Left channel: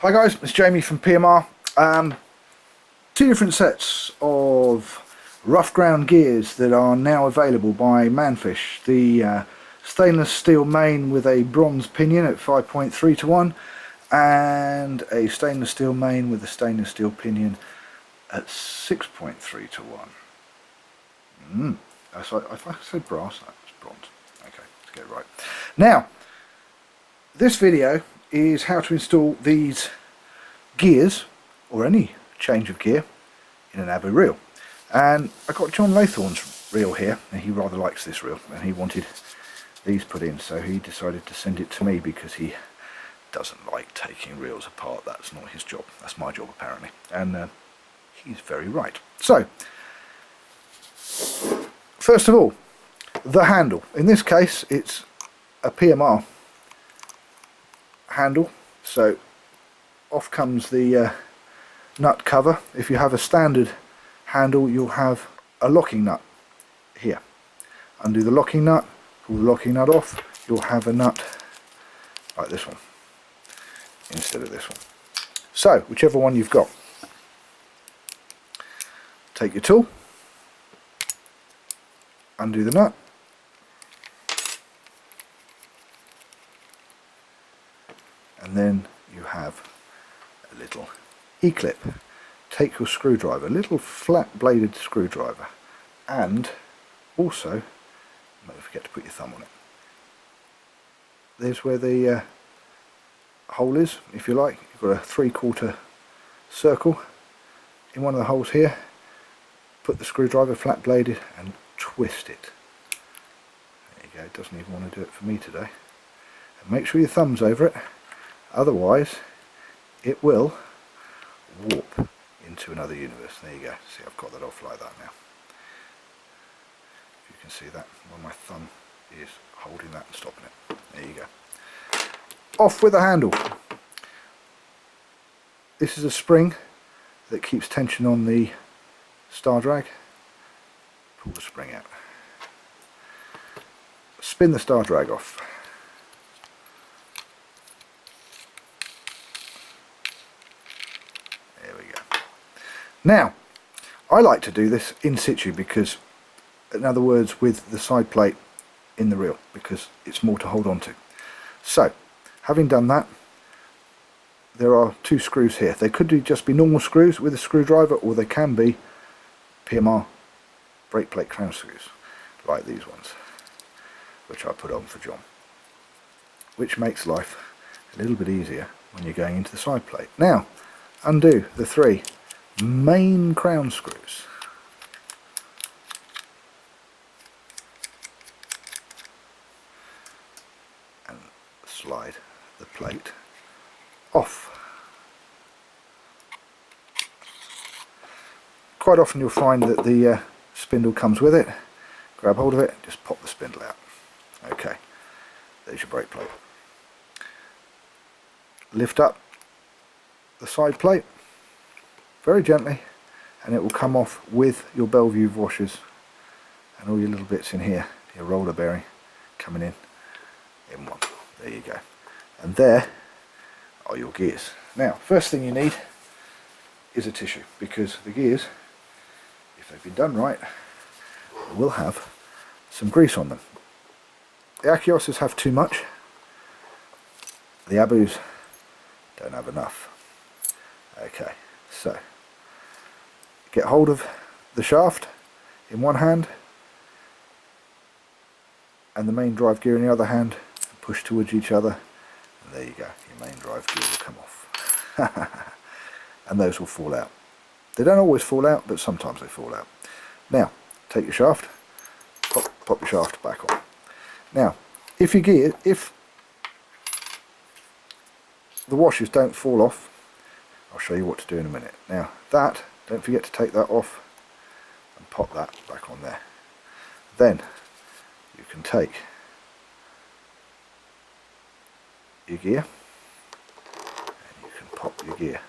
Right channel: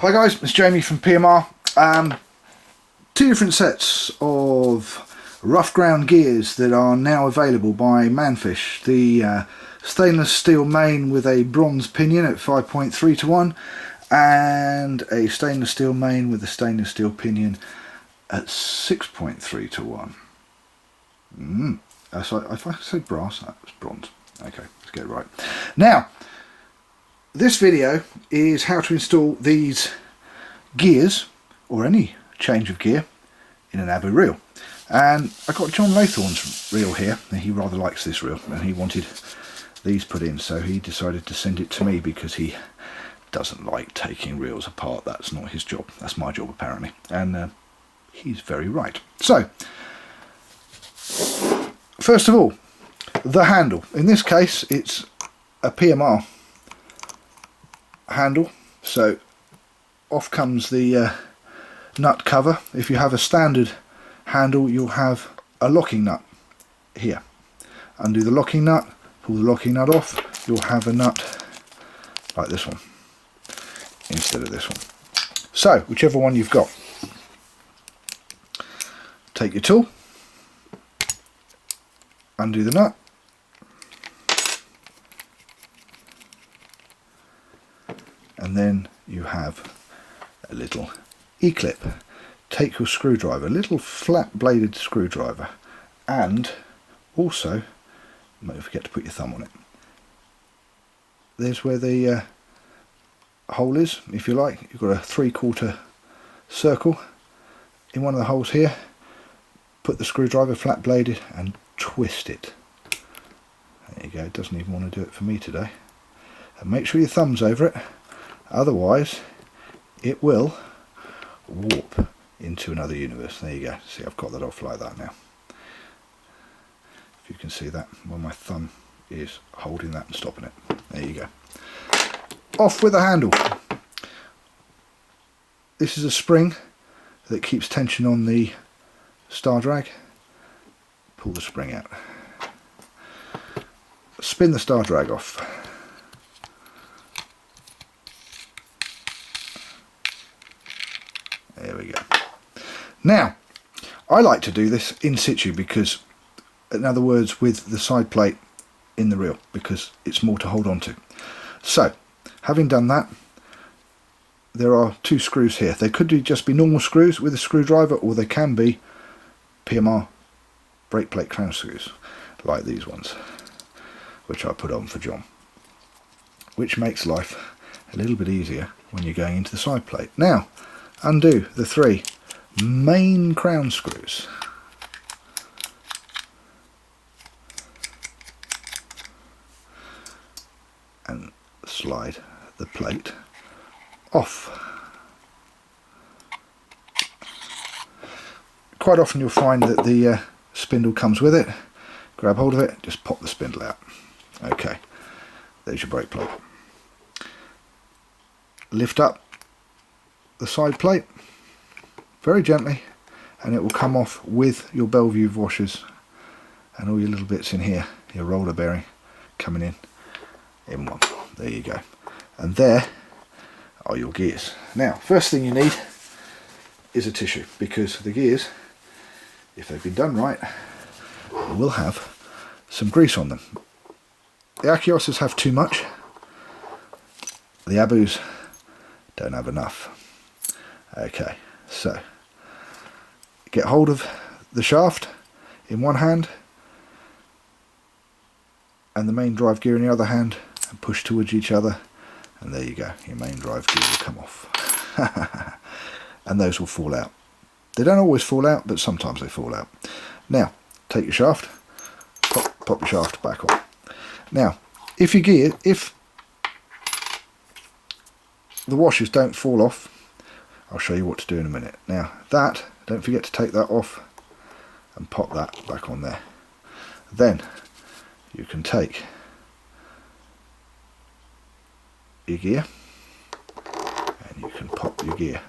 Hi guys, it's Jamie from PMR. Two different sets of rough ground gears that are now available by Manfish. The stainless steel main with a bronze pinion at 5.3 to 1 and a stainless steel main with a stainless steel pinion at 6.3 to 1. So if I said brass, that was bronze. Okay, let's get it right. Now, this video is how to install these gears, or any change of gear, in an Abu reel. And I got John Laythorne's reel here, and he rather likes this reel, and he wanted these put in, so he decided to send it to me because he doesn't like taking reels apart. That's not his job, that's my job apparently, and he's very right. So, first of all, the handle. In this case it's a PMR handle, so off comes the nut cover. If you have a standard handle, you'll have a locking nut here. Undo the locking nut, pull the locking nut off, you'll have a nut like this one instead of this one. So whichever one you've got, take your tool, undo the nut, and then you have a little E-clip. Take your screwdriver, a little flat bladed screwdriver, and also don't forget to put your thumb on it. There's where the hole is, if you like. You've got a 3/4 circle in one of the holes here. Put the screwdriver flat bladed and twist it. There you go, it doesn't even want to do it for me today. And make sure your thumb's over it, otherwise it will warp into another universe. There you go. See, I've got that off like that now. If you can see that, well, my thumb is holding that and stopping it. There you go. Off with the handle. This is a spring that keeps tension on the star drag. Pull the spring out. Spin the star drag off. There we go. Now, I like to do this in situ, because, in other words, with the side plate in the reel, because it's more to hold on to. So, having done that, there are two screws here. They could just be normal screws with a screwdriver, or they can be PMR brake plate crown screws, like these ones, which I put on for John, which makes life a little bit easier when you're going into the side plate. Now, undo the 3 main crown screws. And slide the plate off. Quite often you'll find that the spindle comes with it. Grab hold of it, just pop the spindle out. Okay, there's your brake plate. Lift up the side plate very gently, and it will come off with your Bellevue washers and all your little bits in here, your roller bearing coming in one. There you go. And there are your gears. Now, first thing you need is a tissue, because the gears, if they've been done right, will have some grease on them. The Akiosas have too much, the Abus don't have enough. Okay, so get hold of the shaft in one hand and the main drive gear in the other hand, and push towards each other, and there you go, your main drive gear will come off. And those will fall out. They don't always fall out, but sometimes they fall out. Now, take your shaft, pop your shaft back on. Now, if the washers don't fall off, I'll show you what to do in a minute. Now, that, don't forget to take that off and pop that back on there. Then you can take your gear and you can pop your gear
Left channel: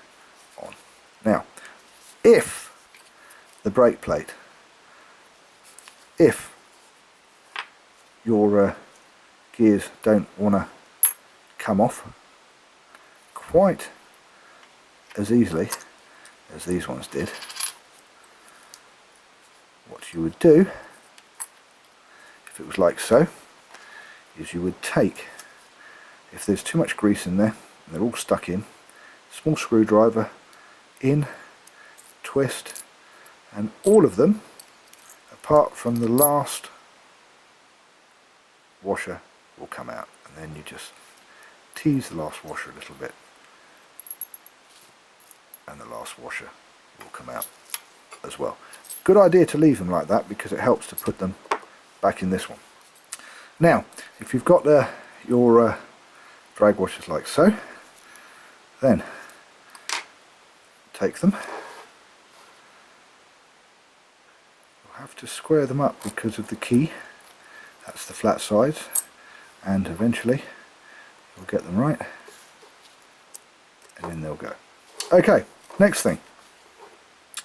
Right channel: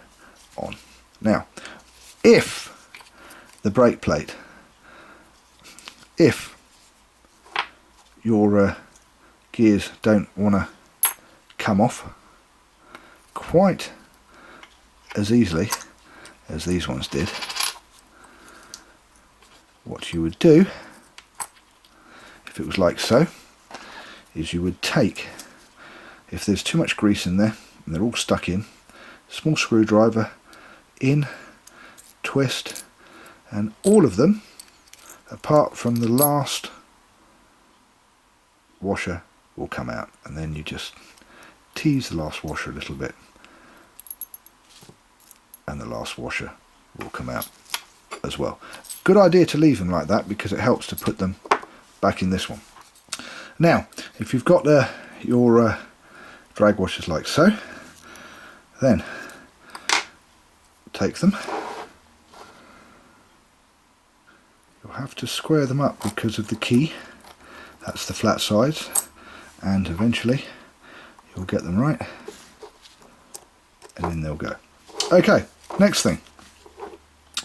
on. Now, if the brake plate, if your gears don't want to come off quite as easily as these ones did. What you would do, if it was like so, is you would take, if there's too much grease in there and they're all stuck in, small screwdriver in, twist, and all of them apart from the last washer will come out, and then you just tease the last washer a little bit and the last washer will come out as well. Good idea to leave them like that because it helps to put them back in this one. Now if you've got your drag washers like so, then take them. You'll have to square them up because of the key. That's the flat sides, and eventually you'll get them right and then they'll go. Okay, next thing,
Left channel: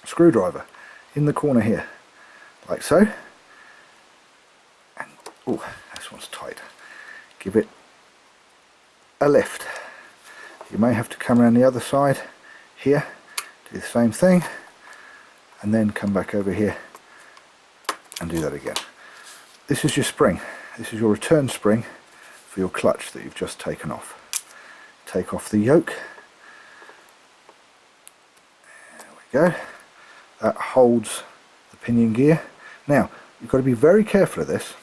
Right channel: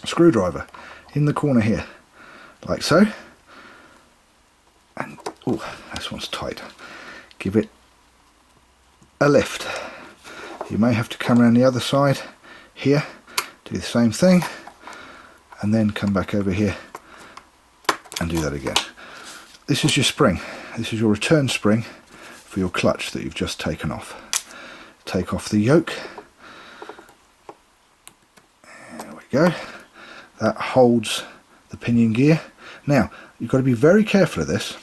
screwdriver in the corner here like so, and oh, this one's tight. Give it a lift. You may have to come around the other side here, do the same thing, and then come back over here and do that again. This is your spring. This is your return spring for your clutch that you've just taken off. Take off the yoke. There we go. That holds the pinion gear. Now you've got to be very careful of this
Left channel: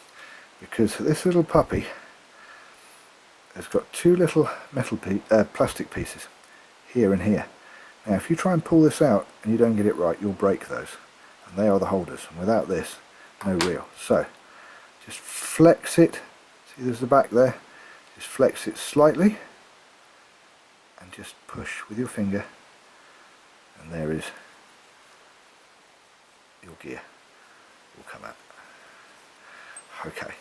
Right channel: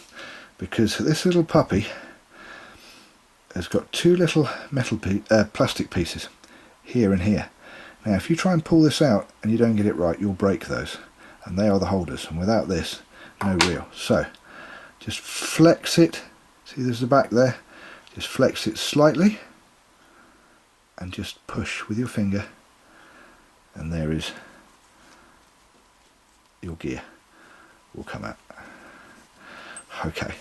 because this little puppy has got two little plastic pieces here and here. Now if you try and pull this out and you don't get it right, you'll break those, and they are the holders, and without this, no reel. So just flex it. See, there's the back there. Just flex it slightly and just push with your finger, and there is your gear will come out. Okay,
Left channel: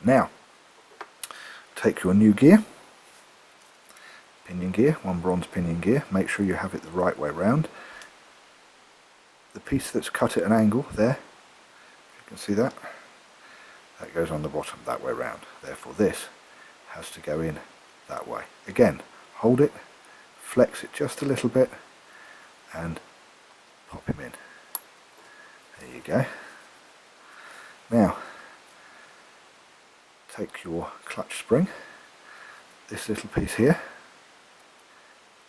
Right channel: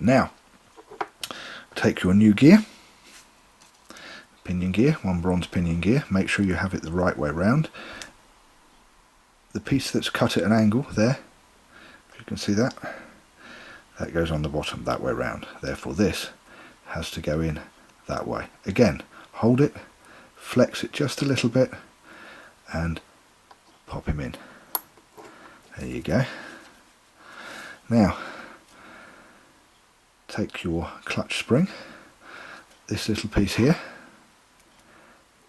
now take your new gear, pinion gear, one bronze pinion gear. Make sure you have it the right way round. The piece that's cut at an angle there, if you can see that, that goes on the bottom that way round. Therefore this has to go in that way. Again, hold it, flex it just a little bit and pop him in. There you go. Now take your clutch spring. This little piece here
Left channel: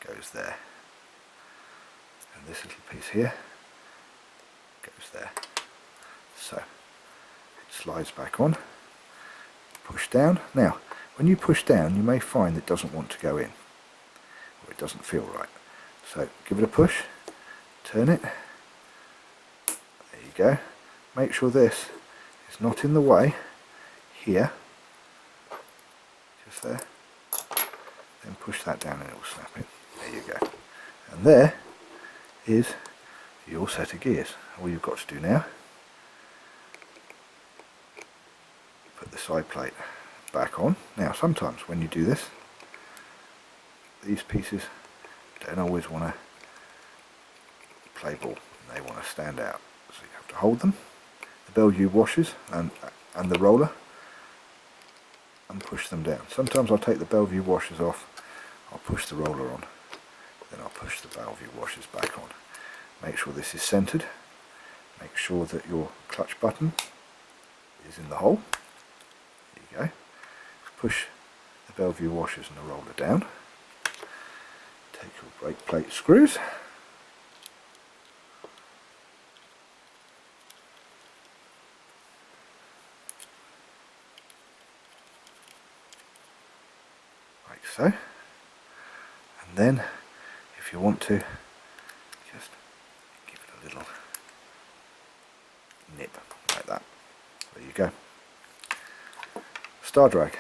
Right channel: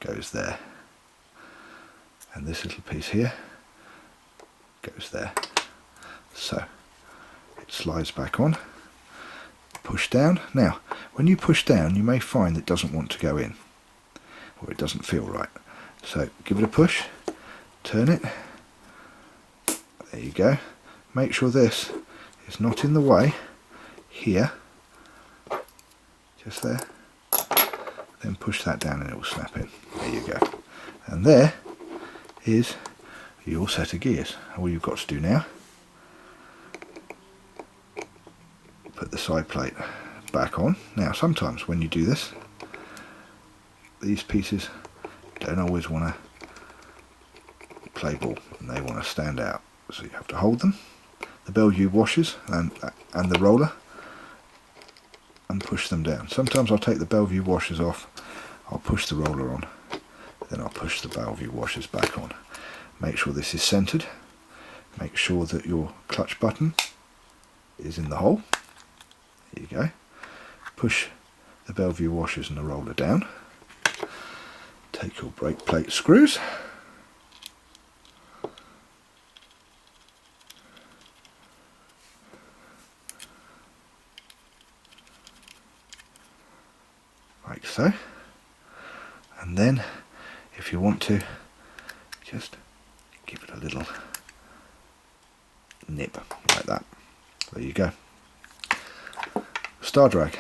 goes there, and this little piece here goes there. So it slides back on, push down. Now when you push down you may find it doesn't want to go in, or it doesn't feel right, so give it a push, turn it, there you go. Make sure this is not in the way here, just there, then push that down and it will snap in. There you go, and there is your set of gears. All you've got to do now, put the side plate back on. Now sometimes when you do this, these pieces don't always want to play ball and they want to stand out, so you have to hold them, the Bellevue washers and the roller, and push them down. Sometimes I'll take the Bellevue washers off, I'll push the roller on, then I'll push the Bellevue washers back on. Make sure this is centered. Make sure that your clutch button is in the hole. There you go. Push the Bellevue washers and the roller down. Take your brake plate screws. Like so. And then if you want to, just give it a little nip like that. There you go. Star drag.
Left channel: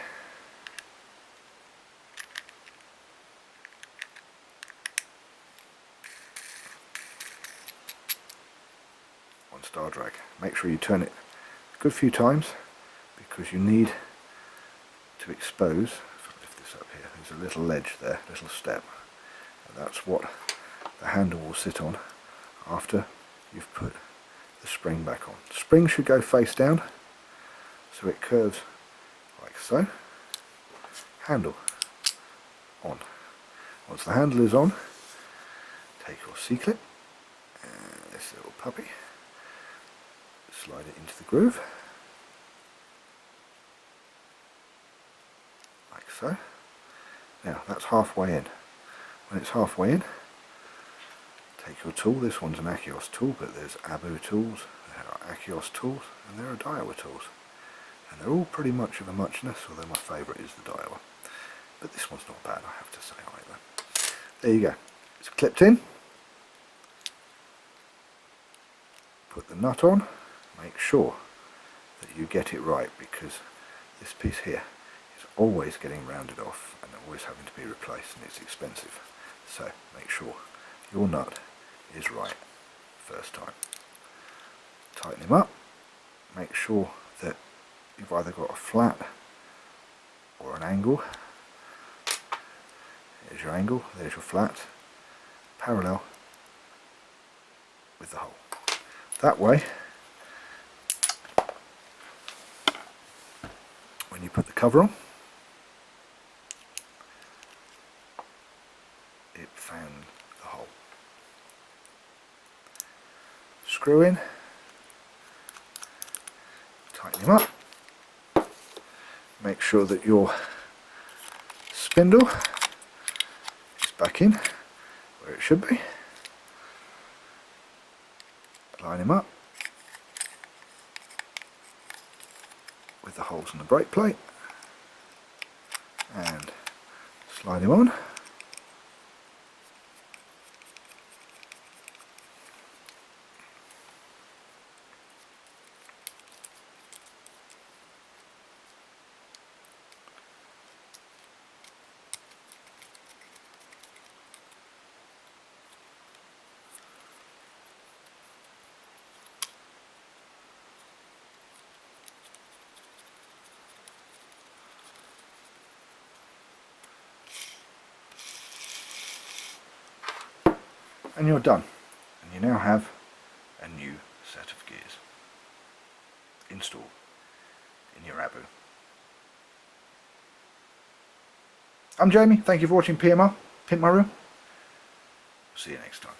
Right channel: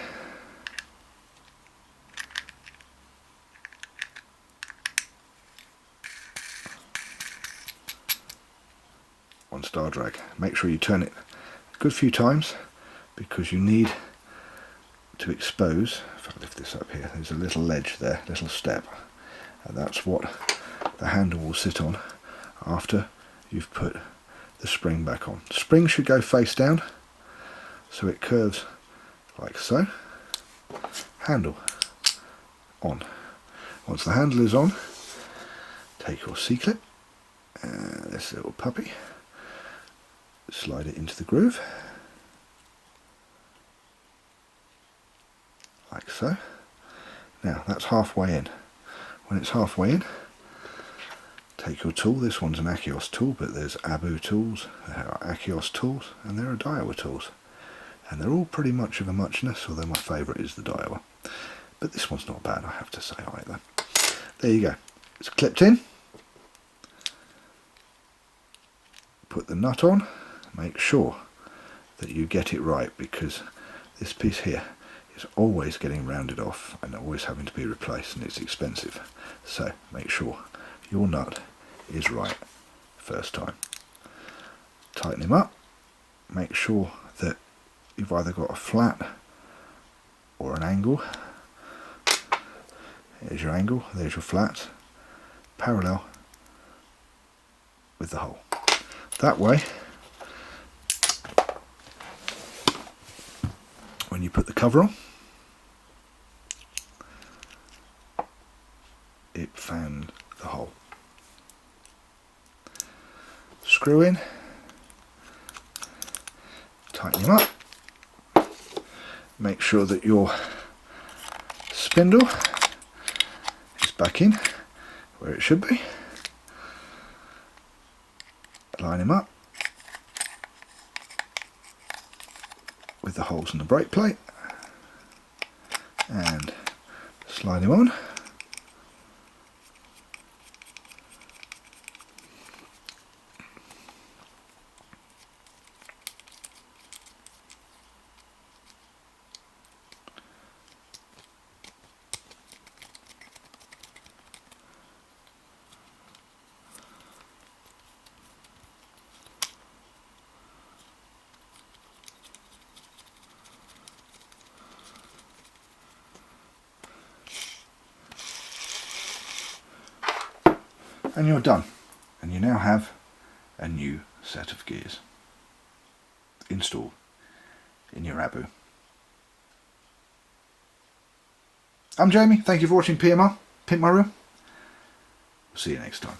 One star drag. Make sure you turn it a good few times because you need to expose. If I lift this up here, there's a little ledge there, little step, and that's what the handle will sit on after you've put the spring back on. The spring should go face down so it curves like so. Handle on. Once the handle is on, take your C-clip, this little puppy, slide it into the groove, like so. Now that's halfway in. When it's halfway in, take your tool. This one's an Achios tool, but there's Abu tools, there are Achios tools, and there are Daiwa tools. And they're all pretty much of a muchness, although my favourite is the Daiwa. But this one's not bad, I have to say, either. There you go. It's clipped in. Put the nut on. Make sure that you get it right, because this piece here is always getting rounded off and always having to be replaced, and it's expensive. So make sure your nut is right first time. Tighten him up. Make sure that you've either got a flat or an angle. There's your angle, there's your flat, parallel with the hole. That way, when you put the cover on, it fans the hole. Screw in, tighten him up, make sure that your spindle is back in where it should be. Line him up with the holes in the brake plate and slide him on. And you're done, and you now have a new set of gears installed in your Abu. I'm Jamie, thank you for watching PMR, Pimp My Reel. See you next time.